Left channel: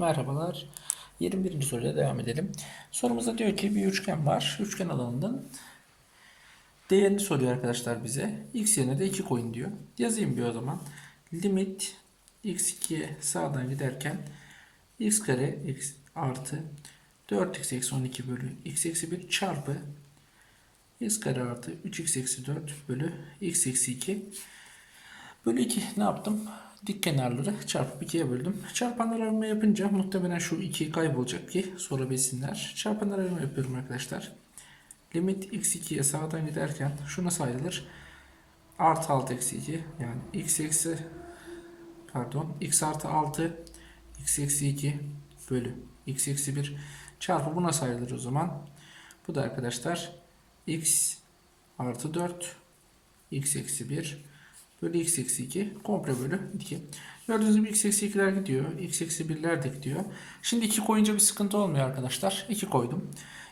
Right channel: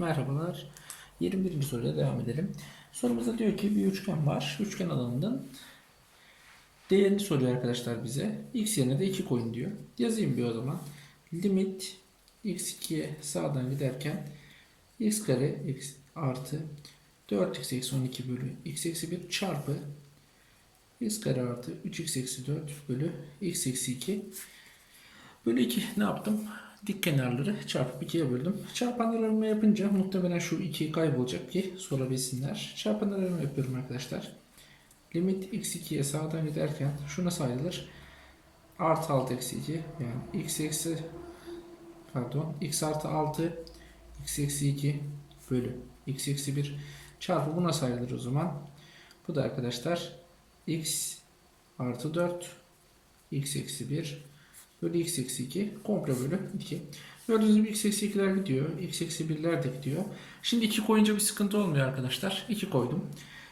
Merhabalar. 21. soruyla devam edelim. Sorumuzda diyor ki bir üçgen var. Üçgen alanının değerini soruyor arkadaşlar bize. X yerine de 2 koyun diyor. Yazayım bir o zaman. Limit x2'ye sağdan giderken x kare x artı 4x eksi 12 bölü x eksi 1 çarpı x kare artı 3x eksi 4 bölü x eksi 2 bölü 2 ne yaptım? Dik kenarları çarpıp 2'ye böldüm. Çarpanlar arama yapınca muhtemelen şu 2 kaybolacak ki sorabilsinler. Çarpanlar arama yapıyorum arkadaşlar. Limit x2'ye sağdan giderken şu nasıl ayrılır? Artı 6 eksi 2 yani x eksi pardon x artı 6 x eksi 2 bölü x eksi 1 çarpı bu nasıl ayrılır o zaman? Bu da arkadaşlar x artı 4 x eksi 1 bölü x eksi 2 komple bölü 2. Gördüğünüz gibi x eksi 2'ler gidiyor. x eksi 1'ler de gidiyor. Şimdi 2 koyunca bir sıkıntı olmuyor arkadaşlar. 2 koydum.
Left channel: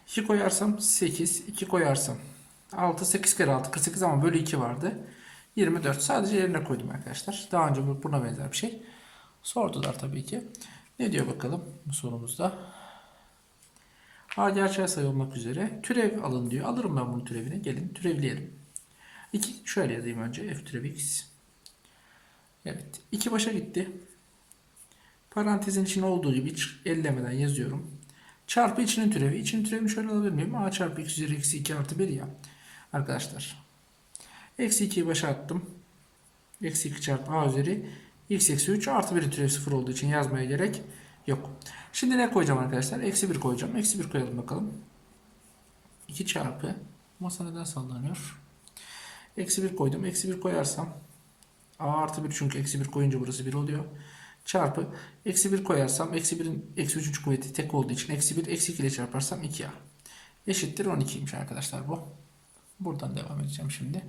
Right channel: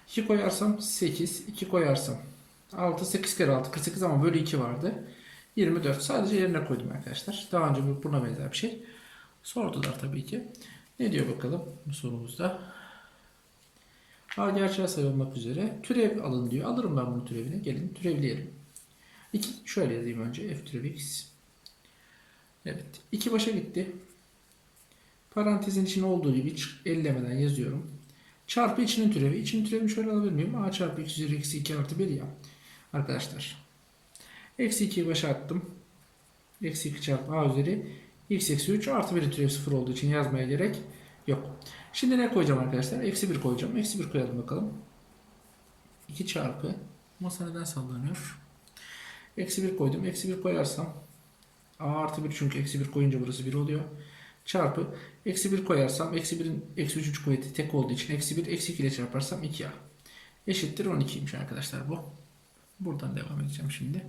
2 koyarsam 8. 2 koyarsam 6. 8 kere 6 48 ama bölü 2 vardı. 24. Sadece yerine koydum arkadaşlar. Daha önce bu- buna benzer bir şey. Sordular tabii ki. Ne diyor bakalım bu sorumuzda? A gerçeğe sayı olmak üzere türev alın diyor. Alırım ben bunun türevini. Gelin türevleyelim. 2 şöyle yazayım önce f türev x. Evet. 2 başa gitti. Parantezin içine olduğu gibi hiç ellemeden yazıyorum. Çarpı içinin türevi. İçinin türevini şöyle alabilir miyim? A çarpı x üzeri eksi 2 artı 1 ya. Arkadaşlar. Eksi 2'yi başa attım. Eksi 2 çarpı a üzeri x eksi 3 artı 1'in türevi 0 olduğu için yazmaya gerek yok. Şimdi ne koyacağım arkadaşlar? Eksi 1 koyacağım. Eksi 1 koyalım bakalım. 2 çarpı masa neden sallanıyor? Eksi 1 koydum. Eksi 1 koyarsam a artı 1 çünkü eksi 1 koyunca burası 1 oluyor. Çarpı eksi 1 koyarsam eksi 1'in eksi 3. kuvveti tek olduğu için eksi 1 eksi 2 ile çarparsam 2a. Eşittir 12'ymiş arkadaşlar bu. Buradan devam edeceğim şimdi.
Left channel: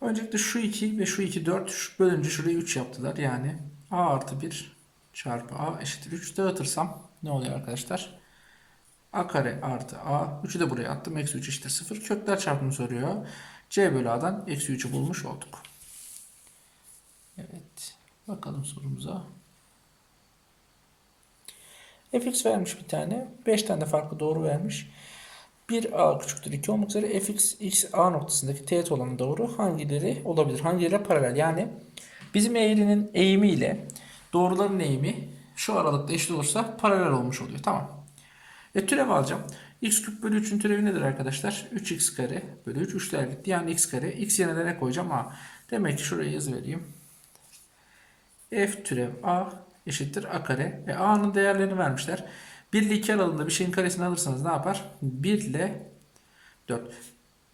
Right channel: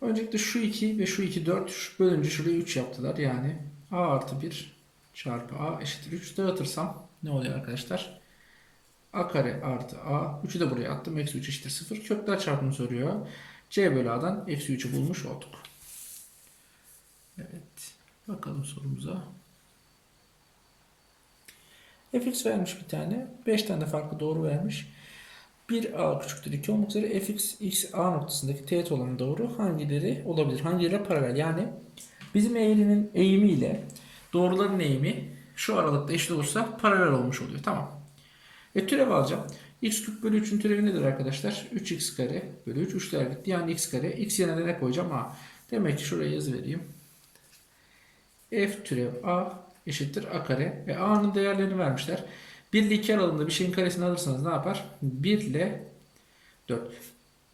Öncelikle şu 2 ve şu 2 4 şu bölünce şuraya 3 yaptılar. Yani a artı 1 çarpı a eşittir 3 dağıtırsam ne oluyor arkadaşlar? a kare artı a 3'ü de buraya attım. Eksi 3 eşittir 0. Kökler çarpımı soruyor. C bölü a'dan eksi 3'ü bulmuş olduk. Evet. Bakalım sorumuza. fx vermiş bir tane. 5 tane de farklı doğru vermiş. 1a küçüktür 2 olmak üzere fx x a noktasındaki teğet olan doğru hangileri olabilir? Hangileri paralel? Yani bizim eğrinin eğimi ile doğruların eğimi şu aralıkta eşit olursa paralel olmuş oluyor. Tamam. E türev alacağım. X küp bölü 3'ün türevi nedir arkadaşlar? 3x kare bölü 3 3'ler gitti. Yani x kare. x yerine ne koyacağım? A. Demek ki şuraya yazı vereyim. f türev a eşittir a kare. E a'nın değerlerini vermişler. 1 ile 2 aralığında bir şeyin karesini alırsanız ne yapar? 1 ile 4.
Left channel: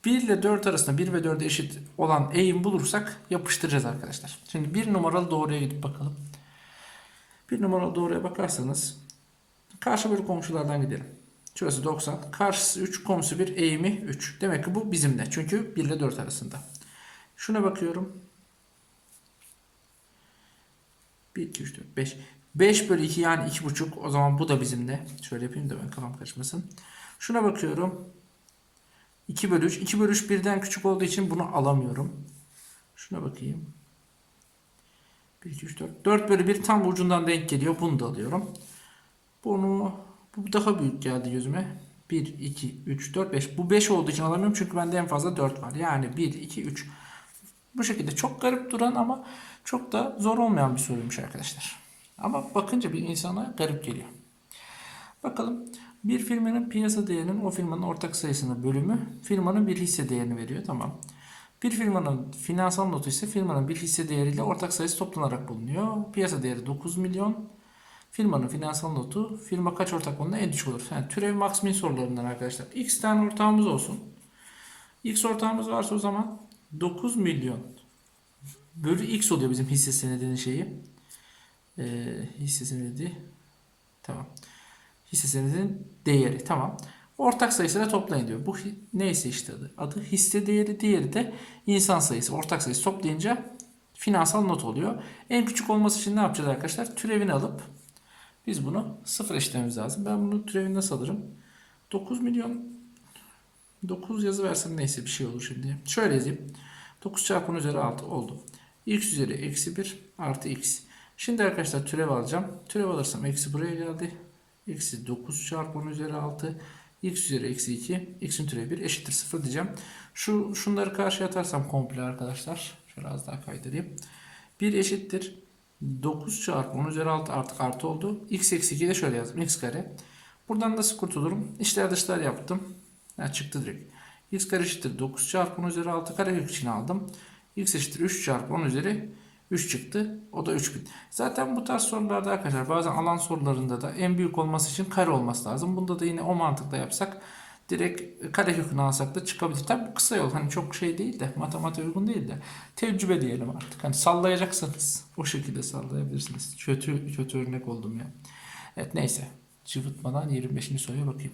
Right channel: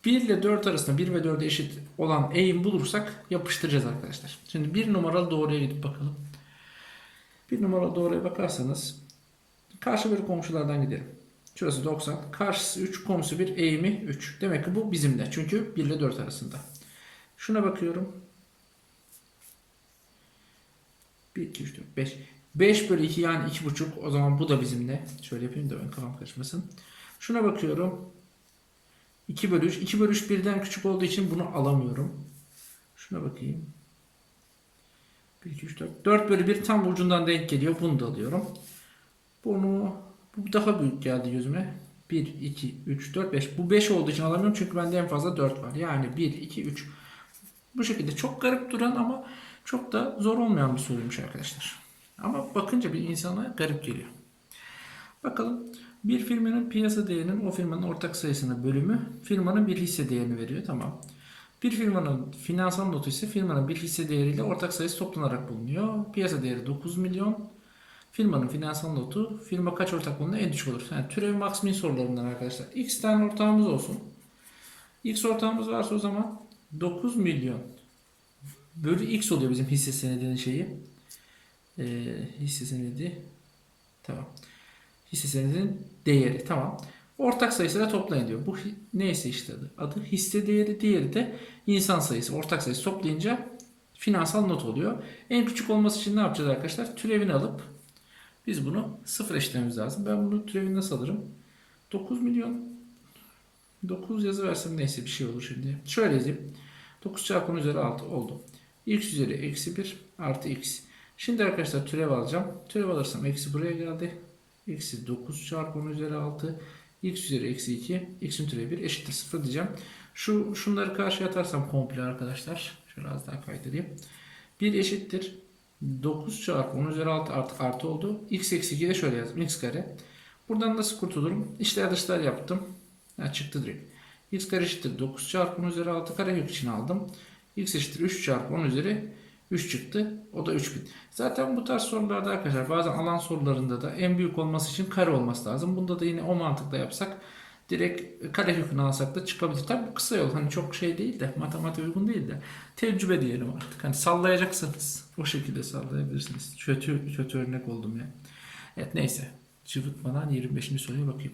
1 ile 4 arasında 1 ve 4'e eşit olan eğim bulursak yapıştıracağız arkadaşlar. Şimdi 1 numaralı doğruya gidip bakalım. 1 numaralı doğruya bakarsanız karşı bölü komşulardan gidelim. Şurası 90. Karşısı 3, komşusu 1, eğimi 3. Demek ki bu bizim de. Çünkü 1 ile 4 arasında. Şuna bakıyorum. 1, 2, 3, 4, 5. 5 bölü 2 yani 2,5. O zaman bu da bizimle. Şöyle yapayım da ben kafam kaçmasın. Şuna bakıyorum. 2 bölü 3. 2 bölü 3 birden küçük olduğu için bunu alamıyorum. Şuna bakayım. 1, 2, 3, 4. 4 bölü 1 tam ucundan denk geliyor. Bunu da alıyorum. Bunu bu daha büyük geldi gözüme. 1, 2, 3, 4, 5. Bu 5 olduğu için alamıyorum çünkü bende en fazla 4 var. Yani 1, 2, 3. Bu şekilde çok garip duran ama çok da zor olmayan bir soruymuş arkadaşlar. Ama bakınca bir insana garip geliyor. Bakalım bir firmanın piyasa değerinin o firmanın ortak sayısına bölümü firmanın bir hisse değerini veriyor. Tamam. Bir firmanın finansal notu ise firmanın bir hisse değeriyle ortak sayısı toplanarak bulunuyor. Piyasa değeri 9 milyon. Firmanın finansal notu firma kaç ortak bulunduğunda en düşük olur. Yani türev max sorularından arkadaşlar. X tane ortağımız olsun. X ortağımız varsa o zaman 9 milyon bölü X oluyor bizim hisse senedinin şeyi. Ee, hisse senedi. Tamam. Hisse senedinin değeri. Tamam. Ortak sayısıyla toplayın diyor. Bu neyse işte adı. Adı hisse değeri. Diğeri de insan sayısı. Ortak sayısı toplayınca finansal not oluyor. En küçük olması için ne yapacağız arkadaşlar? Türevini alıp biz bunu sıfır eşitlememiz lazım. Ben bunu türevini nasıl alırım? 9 milyon 9 yazı versem neyse bir şey olur şimdi. Şöyle yazayım. 9 çarpı 10 üzeri 6 oldu. x üzeri eksi 1 artı x. Şimdi arkadaşlar türev alacağım. Türev alırsam eksi buraya geldi. Eksi 9 çarpı 10 üzeri 6. x üzeri eksi 2. x'in türevi 1 eşittir 0 diyeceğim. Şu, şunları karşıya atarsam komple arkadaşlar. Şöyle az daha kaydırayım. 1 eşittir. 9 çarpı 10 üzeri 6 artık artı oldu. x eksi 2 de şöyle yazdım. x kare. Buradan nasıl kurtulurum? İşler dışlar yaptım. Ha, çıktı direkt. x kare eşittir 9 çarpı 10 üzeri 6 karekök için aldım. x eşittir 3 çarpı 10 üzeri 3 çıktı. O da 3000. Zaten bu tarz sorularda arkadaşlar bazen alan sorularında da en büyük olması için kare olması lazım. Bunda da yine o mantıkla yapsak direkt kare kökünü alsak da çıkabilir. Tabi bu kısa yol hani çok şey değil de matematik uygun değil de tecrübe diyelim artık. Hani sallayacaksanız o şekilde sallayabilirsiniz. Kötü kötü örnek oldum ya. Evet neyse. Cıvıtmadan 25. soruya bakayım.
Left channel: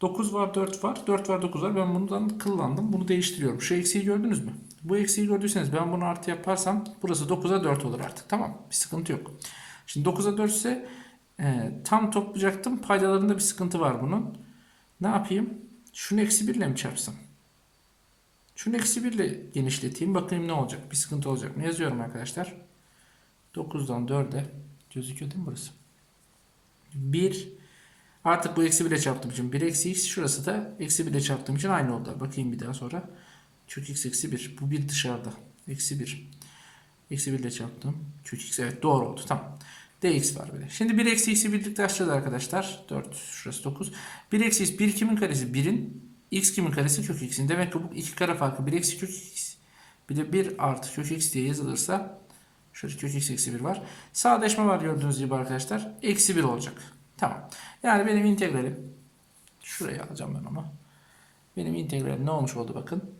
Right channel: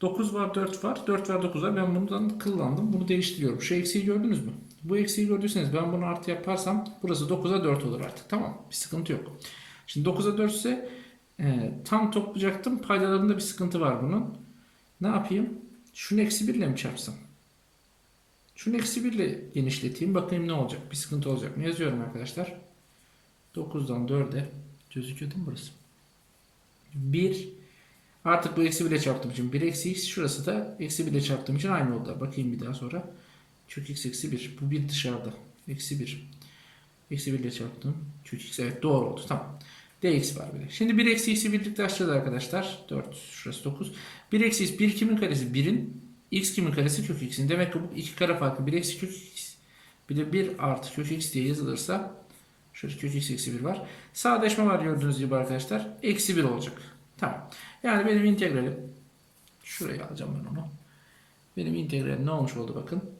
9 var 4 var. 4 var 9 var. Ben bundan kıllandım. Bunu değiştiriyorum. Şu eksiği gördünüz mü? Bu eksiği gördüyseniz ben bunu artı yaparsam burası 9'a 4 olur artık. Tamam. Bir sıkıntı yok. Şimdi 9'a 4 ise e, tam toplayacaktım. Paydalarında bir sıkıntı var bunun. Ne yapayım? Şunu eksi 1 ile mi çarpsam? Şunu eksi 1 ile genişleteyim. Bakayım ne olacak? Bir sıkıntı olacak mı? Yazıyorum arkadaşlar. 9'dan 4'e gözüküyor değil mi burası? 1 Artık bu eksi 1 ile çarptığım için 1 eksi x şurası da eksi 1 ile çarptığım için aynı oldu. Bakayım bir daha sonra. Kök x eksi 1. Bu 1 dışarıda. Eksi 1. Eksi 1 ile çarptım. Kök x evet doğru oldu. Tamam. Dx var bir. Şimdi 1 eksi x'i birlikte açacağız arkadaşlar. 4 şurası 9. 1 eksi x 1 kimin karesi? 1'in. x kimin karesi? Kök x'in. Demek ki bu iki kare farkı 1 eksi kök x. Bir de 1 artı kök x diye yazılırsa şöyle kök x eksi 1 var. Sadeleşme var gördüğünüz gibi arkadaşlar. Eksi 1 olacak. Tamam. Yani benim integralim şuraya alacağım ben onu. Benim integralim ne olmuş oldu bakın.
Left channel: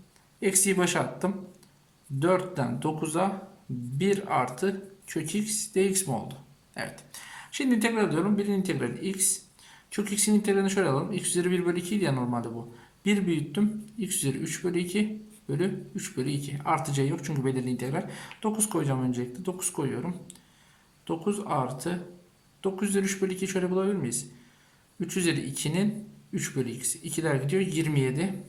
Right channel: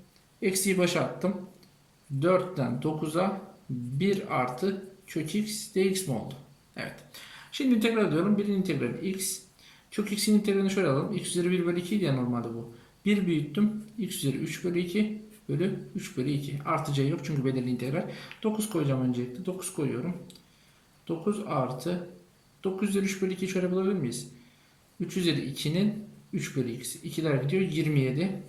Eksiyi başa attım. 4'ten 9'a 1 artı kök x dx mi oldu? Evet. Şimdi integral ediyorum. 1'in integrali x. Kök x'in integralini şöyle alalım. x üzeri 1 bölü 2 idi ya normalde bu. 1 büyüttüm. x üzeri 3 bölü 2 bölü 3 bölü 2. Artı c yok çünkü belirli integral. 9 koyacağım öncelikle. 9 koyuyorum. 9 artı 9 üzeri 3 bölü 2 şöyle bulabilir miyiz? 3 üzeri 2'nin 3 bölü x'i. 2'ler gidiyor 27.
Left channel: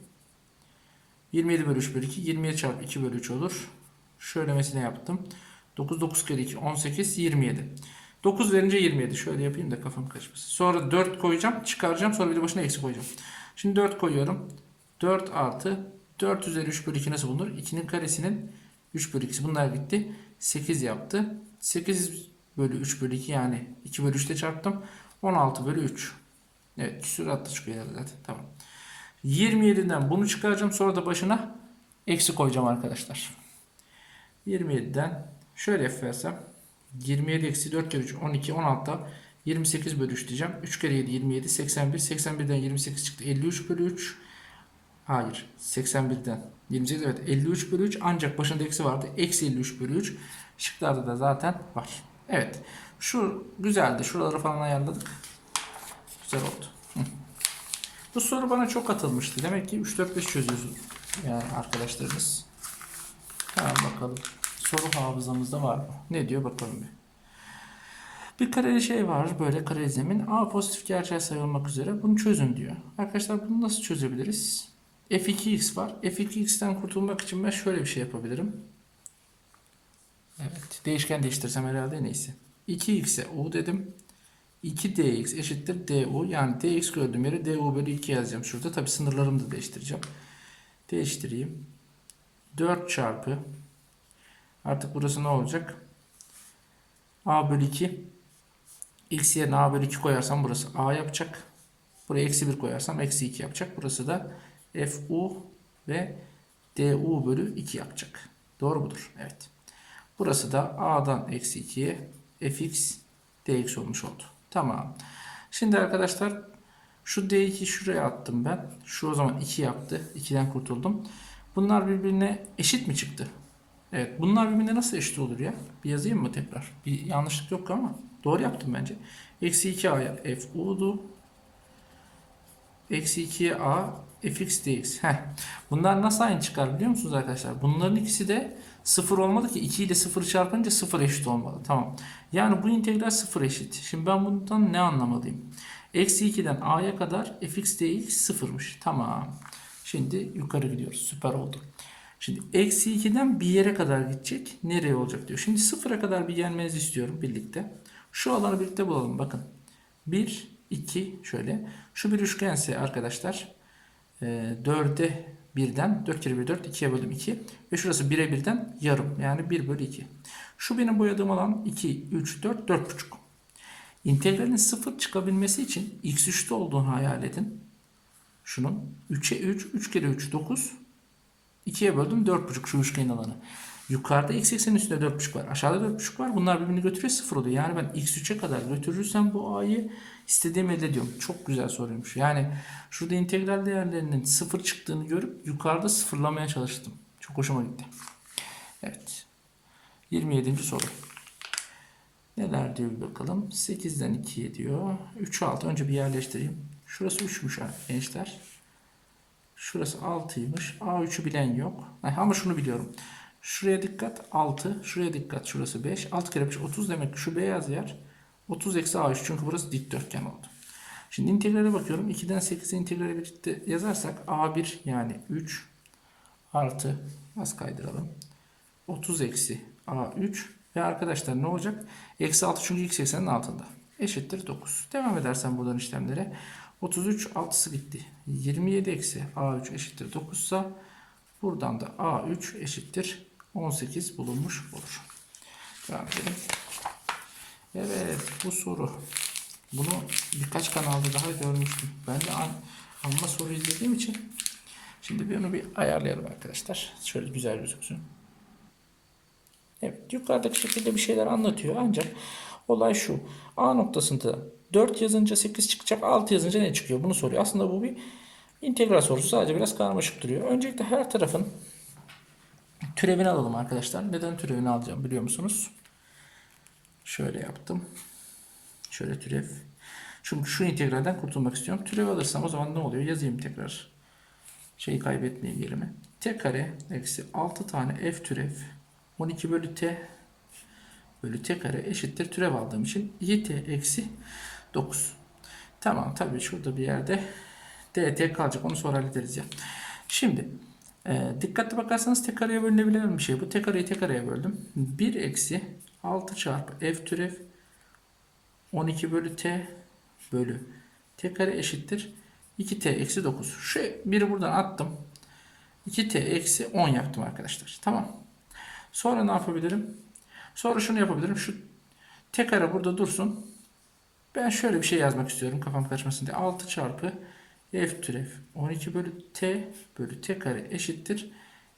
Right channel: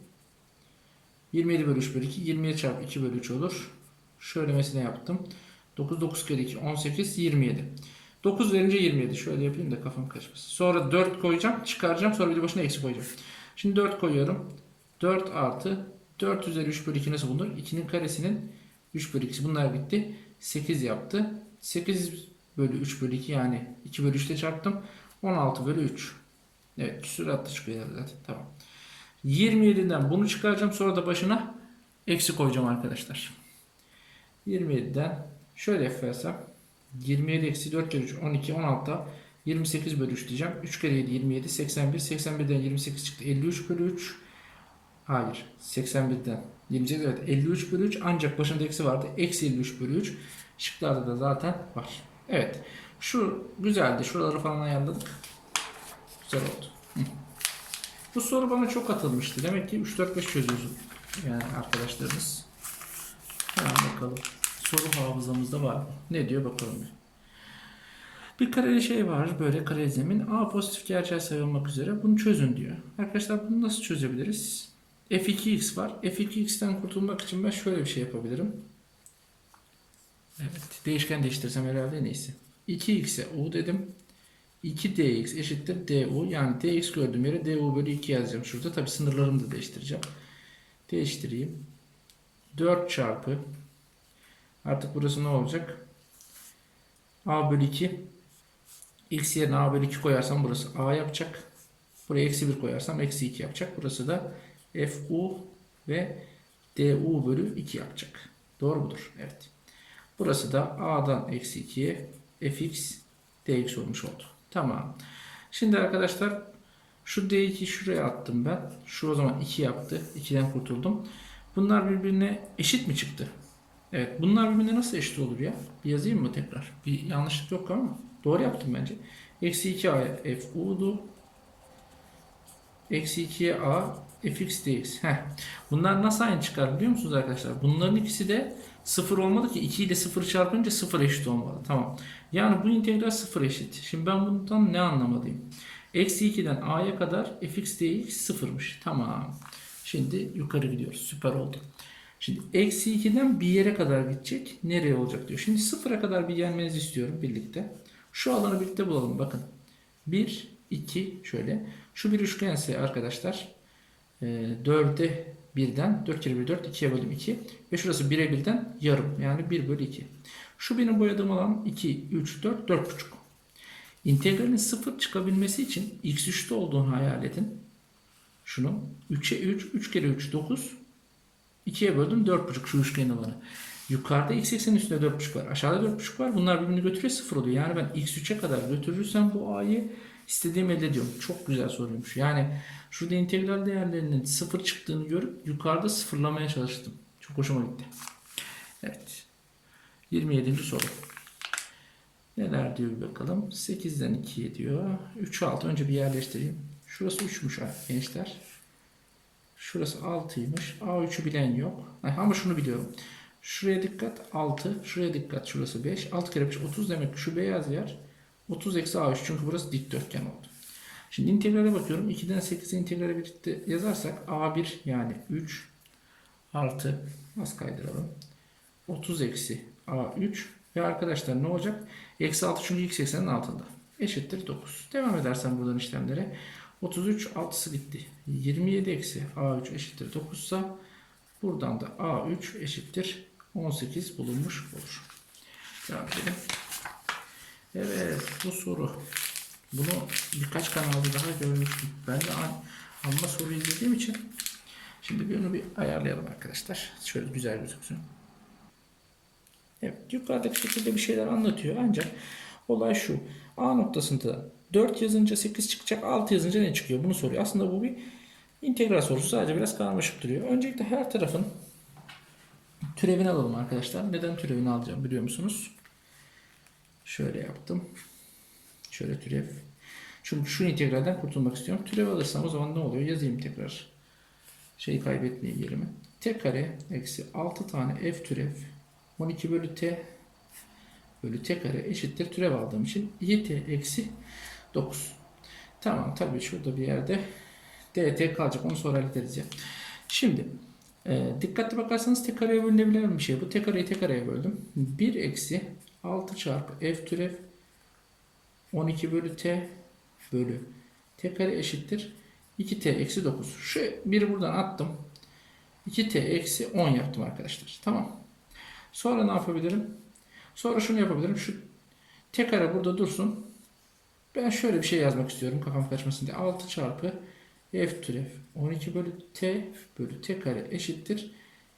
27 bölü 3 bölü 2. 27 çarpı 2 bölü 3 olur. Şöylemesine yaptım. 9 9 kere 2 18 27. 9 verince 27. Şöyle yapayım da kafam kaçmasın. Sonra 4 koyacağım. Çıkaracağım. Sonra bir de başına eksi koyacağım. Şimdi 4 koyuyorum. 4 artı 4 üzeri 3 bölü 2 nasıl bulunur? 2'nin karesinin 3 bölü 2'si. Bunlar gitti. 8 yaptı. 8 bölü 3 bölü 2 yani 2 bölü 3 ile çarptım. 16 bölü 3. Evet süratle çıkıyor zaten. Tamam. 27'den bunu çıkaracağım. Sonra da başına eksi koyacağım arkadaşlar. 27'den şöyle yaparsam 27 eksi 4 kere 3 12 16'da 28 bölü 3 diyeceğim. 3 kere 7 27 81 81'den 28 çıktı 53 bölü 3 Hayır 81'den 28 evet 53 bölü 3 ancak başında eksi vardı. Eksi 53 bölü 3 şıklarda da zaten var. Evet şu güzeldi şuraları falan ayarladık. Güzel oldu. Bu soru bana çok atılmıştı. Demek ki 3-4-5 çözüyoruz yani arkadaşlarımız. Hemen bakalım. Soru hafızamızda var mı? Ne diyor bakalım bir. Bir kareli şey var böyle kare zemin. A pozitif gerçel sayı olmak üzere bunu çözün diyor. Arkadaşlar bunu nasıl çözebiliriz? F2x var. F2x'ten kurtulmak için ben şöyle bir şey yapabilirim. Evet. Değişken değiştirsem herhalde en iyisi. 2x'e u dedim. 2dx eşittir du. Yani dx gördüğüm yere du bölü 2 yazacağım şurada. Tabi sınırlarımı da değiştireceğim. Değiştireyim. 4 çarpı artık burası ne olacak? a bölü 2 x yerine a bölü 2 koyarsam burası a yapacak. Buraya eksi 1 koyarsam eksi 2 yapacak. Burası da fu ve du bölü 2 yapacak. Doğru mudur? Evet. Burası da a'dan eksi 2'ye fx dx olmuş oldu. Tamam. Şimdi arkadaşlar şu d2 şuraya attım ben. Şu o zaman 2 yaptı. 2'den kurtuldum. Bunlar birbirine eşit mi çıktı? Evet. Bunlar birbirine nasıl eşit olur ya? Bir yazayım mı tekrar? Bir yanlışlık yok ama. Doğru yaptım bence. Eksi 2a'ya f u'du. Eksi 2'ye a fx dx. Heh. Bunlar nasıl aynı çıkar biliyor musunuz arkadaşlar? Bunların ikisi de 0 olmalı ki 2 ile 0 çarpınca 0 eşit olmalı. Tamam. Yani bu integral 0 eşit. Şimdi ben bundan ne anlamalıyım? Eksi 2'den a'ya kadar fx dx 0'mış. Tamam. Şimdi yukarı gidiyoruz. Süper oldu. Şimdi eksi 2'den bir yere kadar gidecek. Nereye olacak diyor. Şimdi sıfıra kadar bir gelmenizi istiyorum birlikte. Şu alanı birlikte bulalım. Bakın. 1, 2 şöyle. Şu bir üçgense arkadaşlar e, 4'e 1'den 4 kere 1 4 2'ye bölüm 2 ve şurası 1'e 1'den yarım yani 1 bölü 2. Şu benim boyadığım alan 2, 3, 4, 4,5. İntegralin 0 çıkabilmesi için x3'te olduğunu hayal edin. Şunun 3'e 3, 3 kere 3 9. 2'ye böldüm 4,5 şu üçgenin alanı. Yukarıda x eksenin üstünde 4,5 var. Aşağıda 4,5 var. Bunlar birbirini götürüyor 0 oluyor. Yani ben x3'e kadar götürürsem bu a'yı istediğim elde ediyorum. Çok güzel soruymuş. Yani şurada integral değerlerinin 0 çıktığını görüp yukarıda sıfırlamaya çalıştım. Çok hoşuma gitti. Evet. 27. soru. Neler diyor bir bakalım. 8'den 2'ye diyor. 3 6 önce bir yerleştireyim. Şurası 3'müş gençler. Şurası 6'ymış. A3'ü bilen yok. Ama şunu biliyorum. Şuraya dikkat 6. Şuraya dikkat şurası 5. 6 kere 5 30 demek ki şu beyaz yer 30 eksi A3 çünkü burası dikdörtgen oldu. Şimdi integrale bakıyorum. 2'den 8'e integrale birlikte yazarsak A1 yani 3 artı az kaydıralım. 30 eksi A3 ve arkadaşlar ne olacak? Eksi 6 çünkü x eksenin altında. Eşittir 9. Devam edersen buradan işlemlere. 33 6'sı gitti. 27 eksi A3 eşittir 9 ise buradan da A3 eşittir 18 bulunmuş olur. Edelim. Evet bu soru. Bunu birkaç kanalda daha görmüştüm. Ben de an, amma soru izlediğim için şimdi bir onu bir ayarlayalım arkadaşlar. Şöyle güzel gözüksün. Evet yukarıdaki şekilde bir şeyler anlatıyor ancak olay şu. A noktasında 4 yazınca 8 çıkacak 6 yazınca ne çıkıyor bunu soruyor. Aslında bu bir integral sorusu sadece biraz karmaşık duruyor. Öncelikle her tarafın türevini alalım arkadaşlar. Neden türevini alacağım biliyor musunuz? Şöyle yaptım. Şöyle türev. Çünkü şu integralden kurtulmak istiyorum. Türev alırsam o zaman ne oluyor? Yazayım tekrar. Şeyi kaybetmeyeyim yerimi. T kare eksi 6 tane f türev 12 bölü t bölü t kare eşittir türev aldığım için yt eksi 9. Tamam tabii şurada bir yerde dt kalacak onu sonra hallederiz ya. Şimdi e, dikkatli bakarsanız t kareye bölünebilen bir şey bu. T kareyi t kareye böldüm. 1 eksi 6 çarpı f türev 12 bölü t bölü t kare eşittir 2t eksi 9. Şu biri buradan attım. 2t eksi 10 yaptım arkadaşlar. Tamam. Sonra ne yapabilirim? Sonra şunu yapabilirim. Şu t kare burada dursun. Ben şöyle bir şey yazmak istiyorum kafam kaçmasın diye. 6 çarpı f türev 12 bölü t bölü t kare eşittir.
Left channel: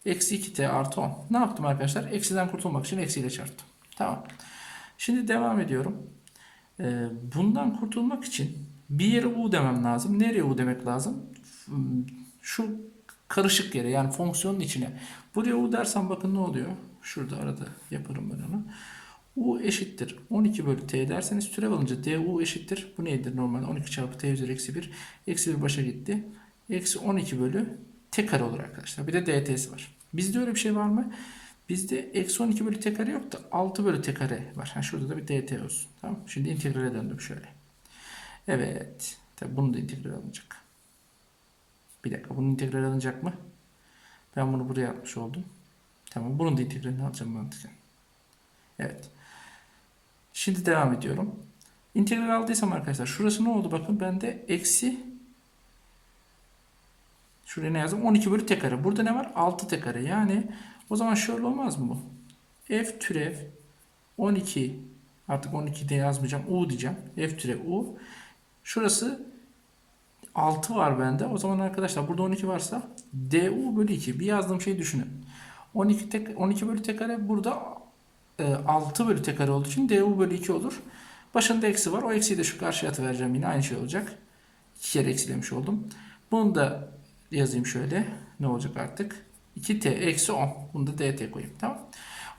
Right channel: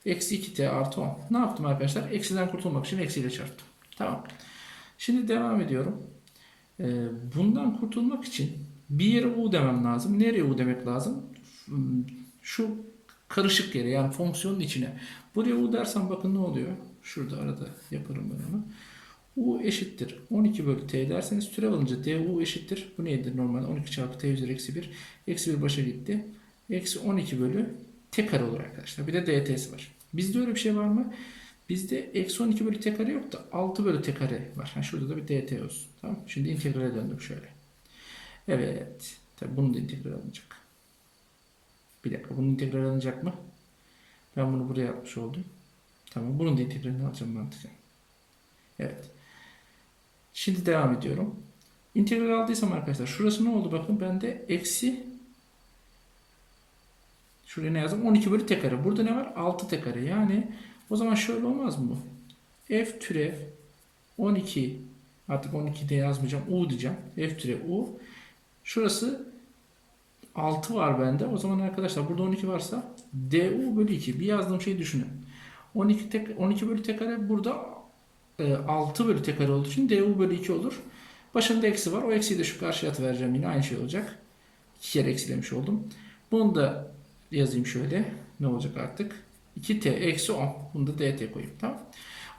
Eksi 2t artı 10. Ne yaptım arkadaşlar? Eksiden kurtulmak için eksiyle çarptım. Tamam. Şimdi devam ediyorum. Ee, bundan kurtulmak için bir yere u demem lazım. Nereye u demek lazım? Şu karışık yere yani fonksiyonun içine. Buraya u dersem bakın ne oluyor? Şurada arada yaparım ben onu. U eşittir 12 bölü t derseniz türev alınca du eşittir. Bu neydir normalde? 12 çarpı t üzeri eksi 1. Eksi 1 başa gitti. Eksi 12 bölü t kare olur arkadaşlar. Bir de dt'si var. Bizde öyle bir şey var mı? Bizde eksi 12 bölü t kare yok da 6 bölü t kare var. Ha, şurada da bir dt olsun. Tamam Şimdi integrale döndüm şöyle. Evet. Tabii bunun da integral alınacak. Bir dakika bunun integral alınacak mı? Ben bunu buraya yapmış oldum. Tamam bunun da integralini alacağım mantıken. Evet. Şimdi devam ediyorum. İntegral aldıysam arkadaşlar şurası ne oldu bakın bende eksi şuraya ne yazdım 12 bölü t kare. Burada ne var? 6 t kare. Yani o zaman şöyle olmaz mı? F türev 12 artık 12 de yazmayacağım. U diyeceğim. F türev U. Şurası 6 var bende. O zaman arkadaşlar burada 12 varsa du bölü 2. Bir yazdığım şeyi düşünün. 12, tek, 12 bölü t kare burada 6 bölü t kare olduğu için du bölü 2 olur. Başında eksi var. O eksiyi de şu karşıya atıvereceğim. Yine aynı şey olacak. 2 kere eksilemiş oldum. Bunu da yazayım şöyle. Ne olacak artık? 2t eksi 10. Bunu da dt koyayım. Tamam.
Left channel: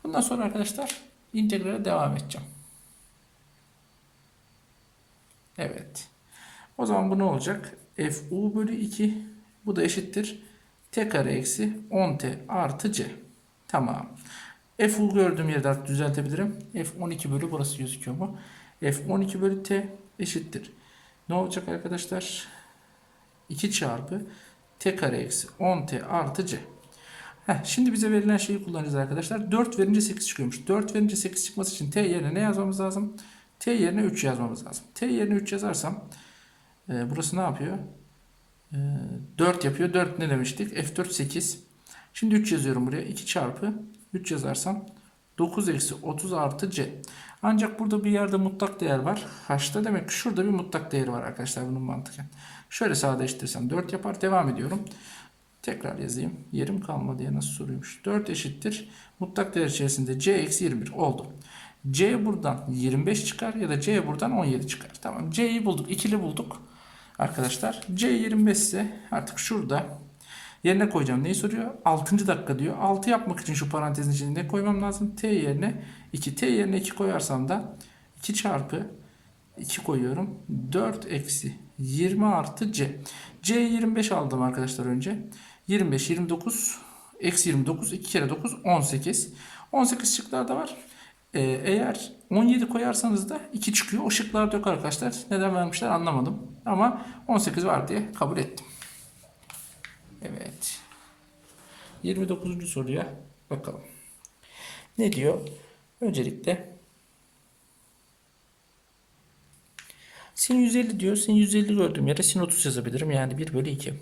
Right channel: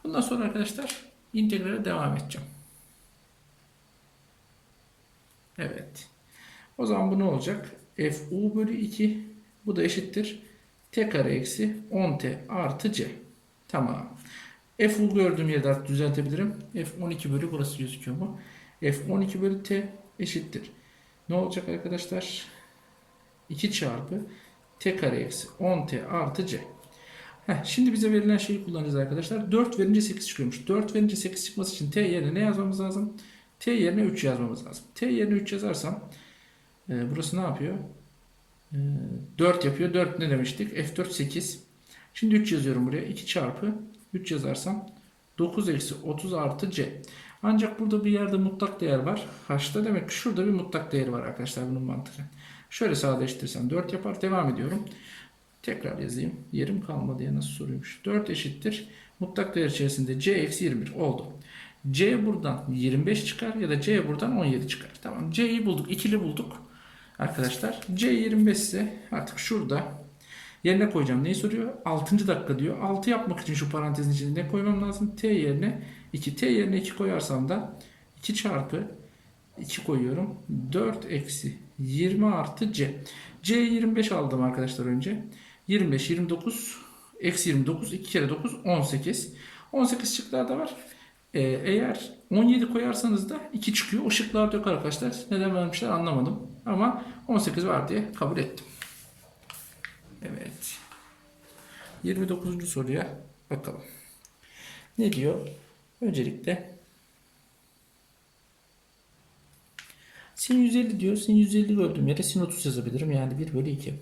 Bundan sonra arkadaşlar integrale devam edeceğim. Evet. O zaman bu ne olacak? fu bölü 2 bu da eşittir. t kare eksi 10t artı c. Tamam. Fu gördüğüm yerde artık düzeltebilirim. f 12 bölü burası gözüküyor mu? f 12 bölü t eşittir. Ne olacak arkadaşlar? 2 çarpı t kare eksi 10t artı c. Heh, şimdi bize verilen şeyi kullanacağız arkadaşlar. 4 verince 8 çıkıyormuş. 4 verince 8 çıkması için t yerine ne yazmamız lazım? t yerine 3 yazmamız lazım. t yerine 3 yazarsam e, burası ne yapıyor? E, 4 yapıyor. 4 ne demiştik? F4 8. Şimdi 3 yazıyorum buraya. 2 çarpı 3 yazarsam 9 eksi 30 artı c. Ancak burada bir yerde mutlak değer var. H'ta demek ki şurada bir mutlak değeri var arkadaşlar bunun mantıken. Şöyle sadeleştirirsem 4 yapar. Devam ediyorum. Tekrar yazayım. Yerim kalmadı diye nasıl soruyormuş. 4 eşittir. Mutlak değer içerisinde c eksi 21 oldu. c buradan 25 çıkar ya da c buradan 17 çıkar. Tamam c'yi bulduk. ikili bulduk. Arkadaşlar c 25 ise artık şurada yerine koyacağım. Neyi soruyor? 6. dakika diyor. 6 yapmak için şu parantezin içine ne koymam lazım? t yerine 2. t yerine 2 koyarsam da 2 çarpı 2 koyuyorum. 4 eksi 20 artı c. c 25 aldım arkadaşlar önce. 25, 29, eksi 29, 2 kere 9, 18. 18 şıklarda var. Ee, eğer 17 koyarsanız da 2 çıkıyor. O şıklarda yok arkadaşlar. Neden vermişler anlamadım. Ama 18 var diye kabul ettim. Evet. 29. soruya bakalım. Ne diyor? Öncelikle sin 150 diyor. Sin 150 gördüğüm yere sin 30 yazabilirim. Yani 1 bölü 2.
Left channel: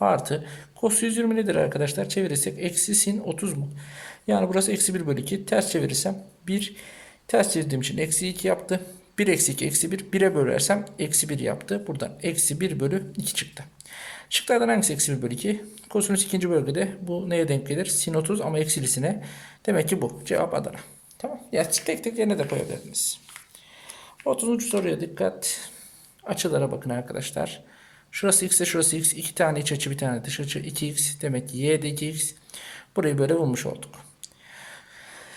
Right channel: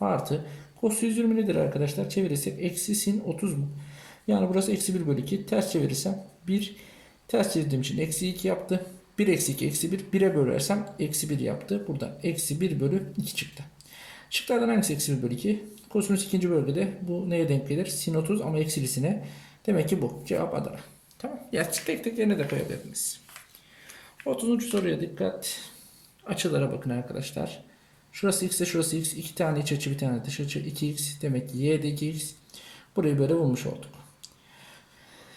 Artı cos 120 nedir arkadaşlar? Çevirirsek eksi sin 30 mu? Yani burası eksi 1 bölü 2. Ters çevirirsem 1 ters çevirdiğim için eksi 2 yaptı. 1 eksi 2 eksi 1. 1'e bölersem eksi 1 yaptı. Buradan eksi 1 bölü 2 çıktı. Şıklardan hangisi eksi 1 bölü 2? Kosinüs ikinci bölgede bu neye denk gelir? Sin 30 ama eksilisine. Demek ki bu. Cevap Adana. Tamam. Ya tek tek yerine de koyabilirsiniz. 30. soruya dikkat. Açılara bakın arkadaşlar. Şurası x ise şurası x. iki tane iç açı bir tane dış açı. 2x demek ki y de 2x. Burayı böyle bulmuş olduk.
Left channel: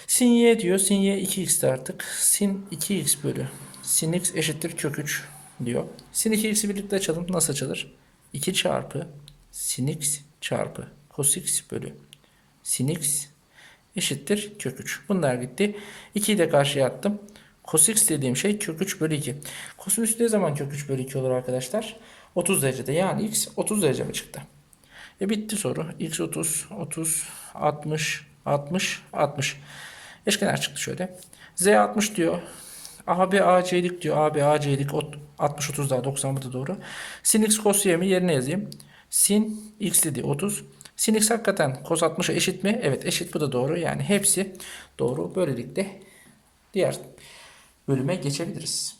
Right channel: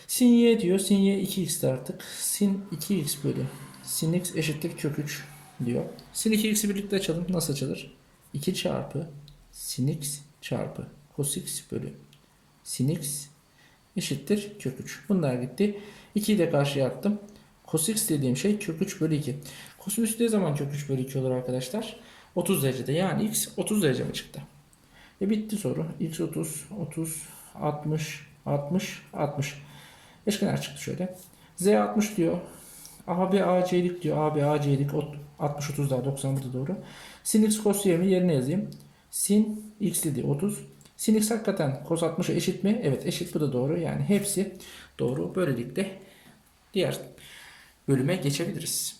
Sin y diyor. Sin y 2x'ti artık. Sin 2x bölü. Sin x eşittir kök 3 diyor. Sin 2x'i birlikte açalım. Nasıl açılır? 2 çarpı sin x çarpı cos x bölü sin x eşittir kök 3. Bunlar gitti. 2'yi de karşıya attım. Cos x dediğim şey kök 3 bölü 2. Kosinüs ne zaman kök 3 bölü 2 olur arkadaşlar? 30 derecede yani x 30 derece mi çıktı? E bitti soru. x 30, 30, 60, 60, 60. Eşkenar çıktı şöyle. z 60 diyor. AB AC'lik diyor. AB AC'lik 60 30 daha 90 burada doğru. Sin x cos y'mi yerine yazayım. Sin x dedi 30. Sin x hakikaten cos 60'a eşit mi? Evet eşit bu da doğru. Yani hepsi doğru. Böylelikle diğer bölüme geçebiliriz.